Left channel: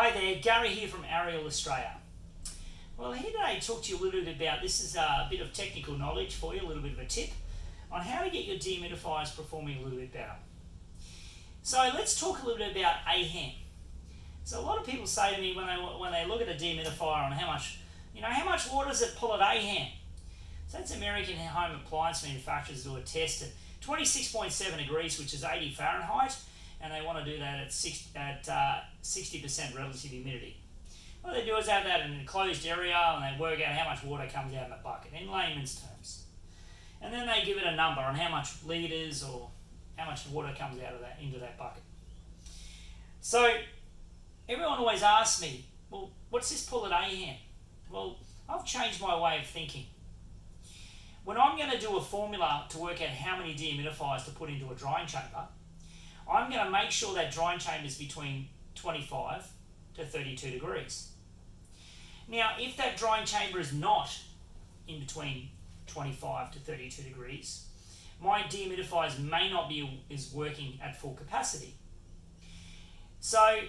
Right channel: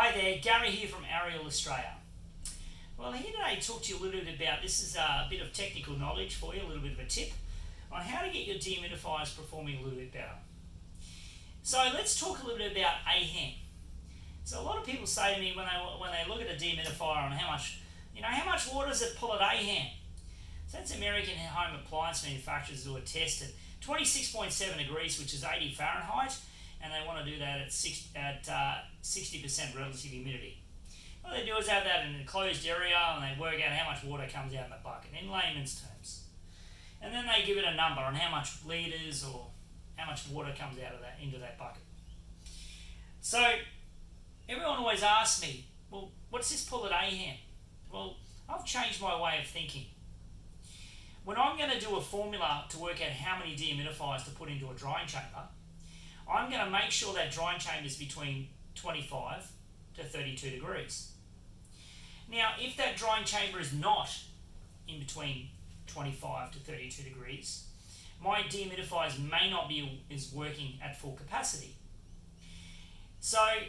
Hi there, Gary here from Ariel Australia. Well, here today to talk to you a little bit about, this is a bit of technical knowledge for you, a little bit of a tip on how to get your dehumidifiers performing a little bit better. So let's talk a little bit about AHAM. So a lot of people say to me when they look at a dehumidifier on how much water does it pull at AHAM? So that's American home appliance manufacturers do a test at 26.7 degrees, which is 80 Fahrenheit, and they want to do that at 60% relative humidity. What they do is have that in an enclosed area and they work out how much water comes out in the bucket in layman's terms. And then they give it a number on how much litres or how much water comes out of that into that bucket. So everyone always asks me, well, what's this pull at AHAM? Well, I've changed my way of thinking. When I'm going to do a formula to work out how many dehumidifiers to put into a drying chamber, I'm going to make sure that drying chamber is between 25 to 32 degrees. Now, if that drying chamber is not in between 25 to 32 degrees, my dehumidifiers may not be working at full capacity. So,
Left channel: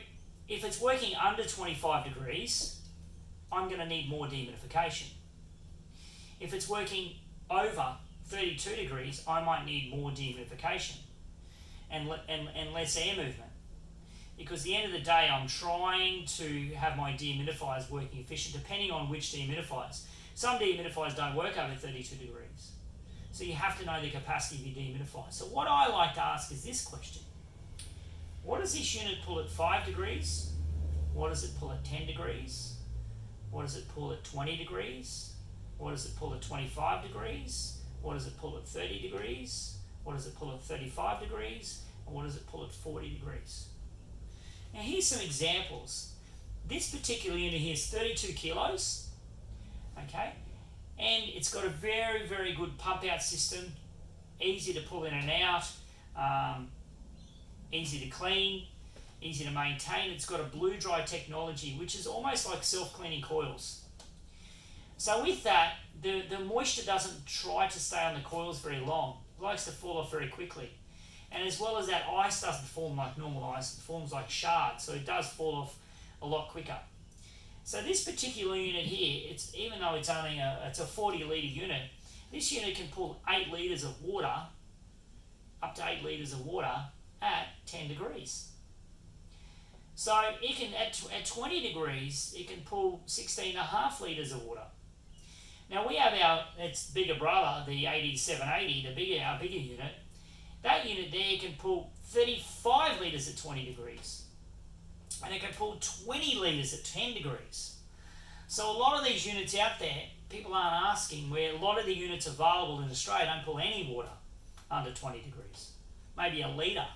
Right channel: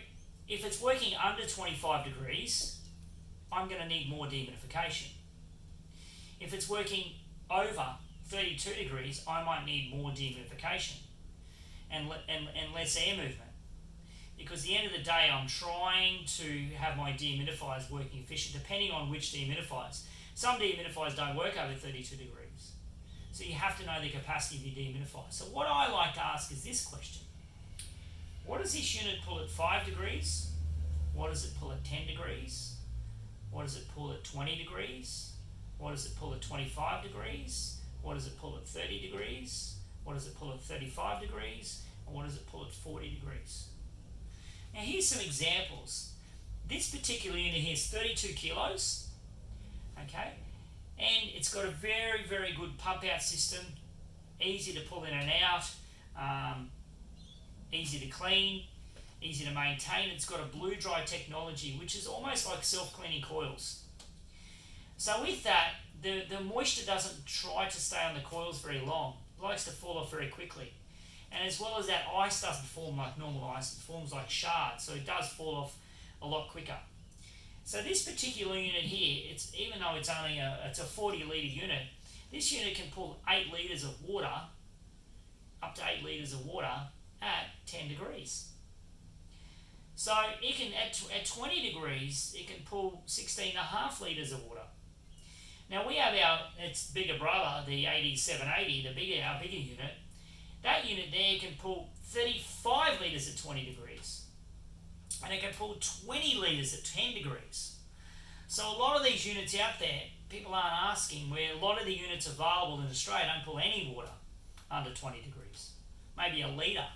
if it's working under 25 degrees, I'm going to need more dehumidification. If it's working over 32 degrees, I might need more dehumidification and less air movement. Because at the end of the day, I'm trying to have my dehumidifiers working efficient, depending on which dehumidifiers. Some dehumidifiers don't work over 32 degrees. So you have to know the capacity of your dehumidifier. So what I like to ask is this question. What does this unit pull at 5 degrees? What does it pull at 10 degrees? What does it pull at 20 degrees? What does it pull at 25 degrees? What does it pull at 30 degrees? What does it pull at 35 degrees? And what does it pull at 40 degrees? Now here's some examples. This particular unit here is 32 kilos, okay? And it's got a very, very good pump out system, easy to pull in and out, easy to clean, easy to maintain. It's got a blue dry technology, which is almost like self-cleaning coils. So with that, the moisture doesn't try to stay on the coils very long. It likes to fall off very quickly. And as well as that, ice doesn't form like normal ice, it forms like shards, so it does fall off a lot quicker. So this particular unit here, even though it's only a 40 litre unit, this unit can pull 8 litres of water, up to 8 litres of water at 10 degrees. So it can, at 20 degrees, it can pull 16.5 litres of water. Now we have its bigger brother, the 8780, our bigger unit. That unit there can pull 35 litres at 20 degrees. And it can pull 20 litres at 10 degrees. So a lot of these units out there, people aren't asking, where a lot of the units available in Australia don't pull any water under 20 degrees. Maybe a litre.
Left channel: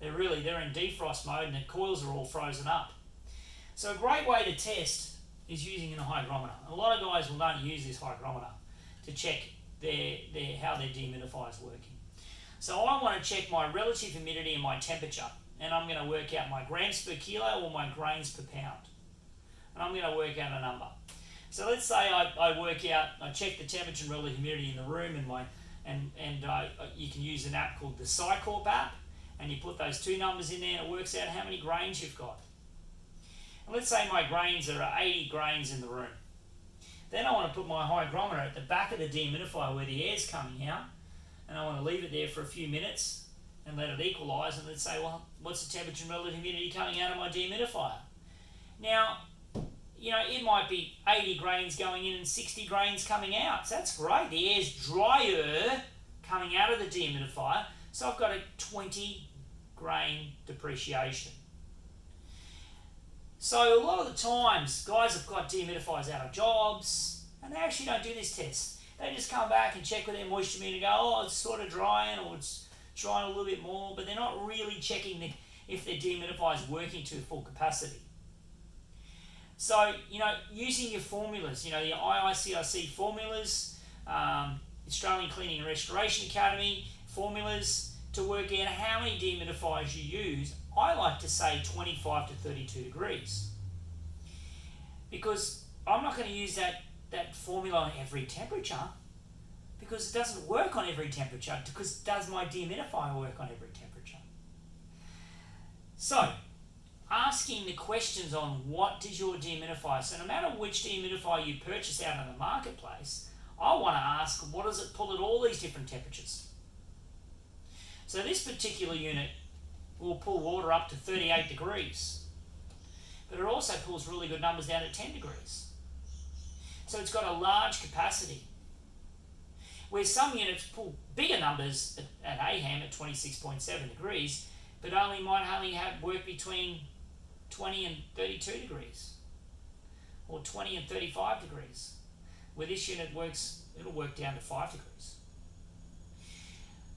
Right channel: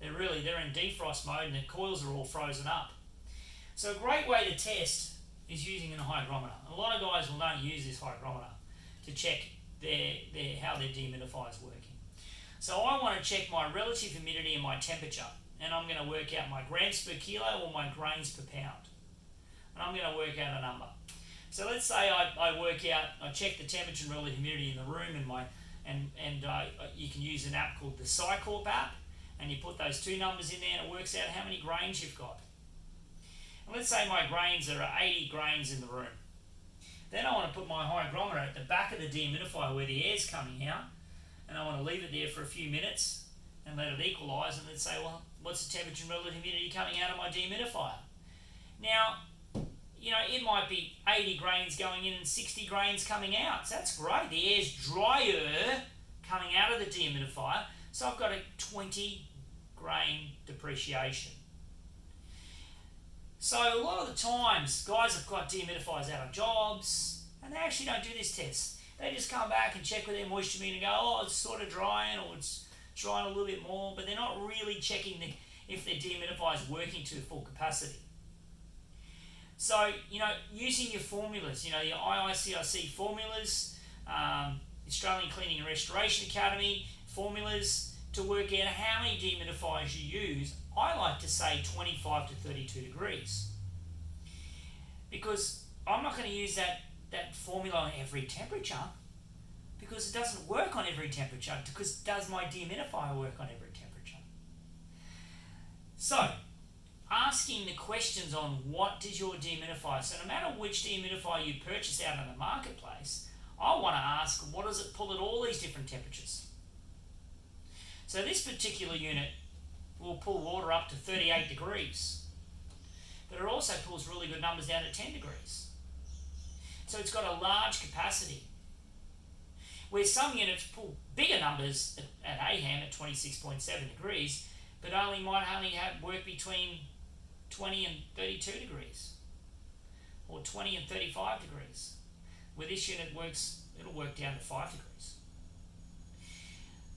They're in defrost mode and the coils are all frozen up. So a great way to test is using a hygrometer. A lot of guys will not use this hygrometer to check how their dehumidifier is working. So I want to check my relative humidity and my temperature, and I'm going to work out my grams per kilo or my grains per pound. And I'm going to work out a number. So let's say I check the temperature and relative humidity in the room, you can use an app called the Cycorp app, and you put those two numbers in there and it works out how many grains you've got. And let's say my grains are 80 grains in the room. Then I want to put my hygrometer at the back of the dehumidifier where the air's coming out, and I want to leave it there for a few minutes and let it equalise, and let's say, well, what's the temperature and relative humidity coming out of my dehumidifier? Now, it might be 80 grains going in and 60 grains coming out. So that's great. The air's drier coming out of the dehumidifier, so I've got a 20 grain depreciation. So a lot of the times, guys have got dehumidifiers out of jobs, and they actually don't do this test. They just come back and check with their moisture meter and go, oh, it's sort of drying, or it's drying a little bit more, but they're not really checking if their dehumidifier is working to full capacity. So, using your formulas, your IICRC formulas, Australian Cleaning and Restoration Academy formulas to work out how many dehumidifiers you use, I like to say 25 to 32 degrees. Because I'm not going to use that formula on every temperature, because it doesn't work on every temperature, because does my dehumidifier work on every temperature? So, ask asking the questions on what does your dehumidifier, so no matter which dehumidifier you purchase out in the marketplace, I want to ask, what does it pull at all these different temperatures? So this particular unit will pull water up to 38 degrees, but it also pulls really good numbers down to 10 degrees. So it's got a large capacity, where some units pull bigger numbers at AHAM at 26.7 degrees, but might only have work between 20 and 32 degrees, or 20 and 35 degrees. Where this unit it'll work down to 5 degrees.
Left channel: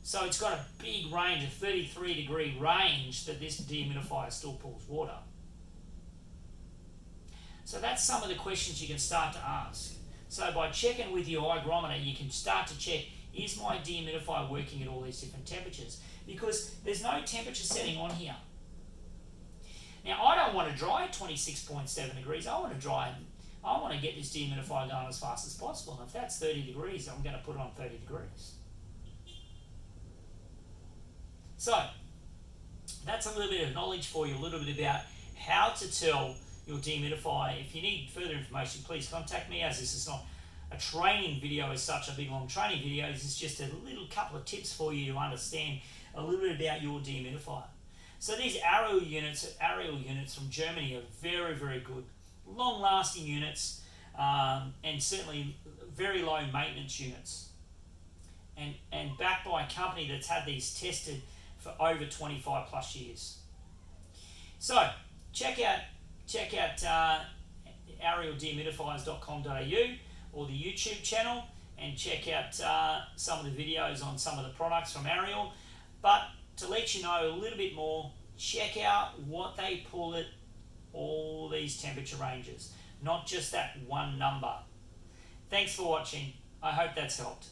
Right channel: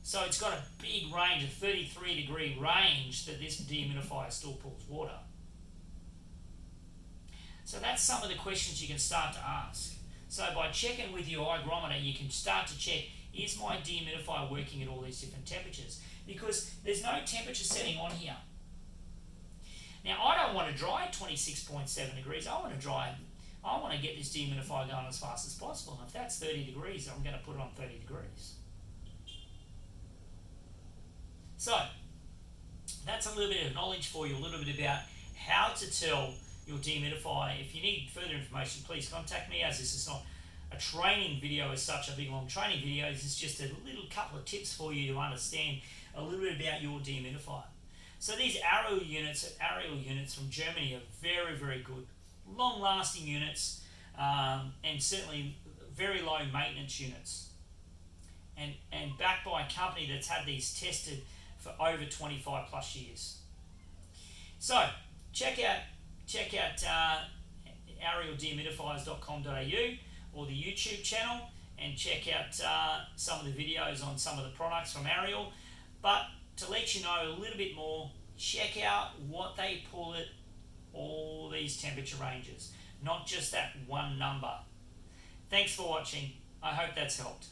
So it's got a big range, a 33 degree range that this dehumidifier still pulls water. So that's some of the questions you can start to ask. So by checking with your hygrometer, you can start to check, is my dehumidifier working at all these different temperatures? Because there's no temperature setting on here. Now, I don't want to dry at 26.7 degrees. I want to get this dehumidifier going as fast as possible. And if that's 30 degrees, I'm going to put it on 30 degrees. So, that's a little bit of knowledge for you, a little bit about how to tell your dehumidifier. If you need further information, please contact me, as this is not a training video as such, a big long training video. This is just a little couple of tips for you to understand a little bit about your dehumidifier. So these aerial units from Germany are very, very good. Long-lasting units, and certainly very low maintenance units. And backed by a company that's had these tested for over 25 plus years. So check out arieldehumidifiers.com.au or the YouTube channel, and check out some of the videos on some of the products from Ariel. But to let you know a little bit more, check out what they pull at all these temperature ranges, not just that one number. Thanks for watching. I hope that's helped.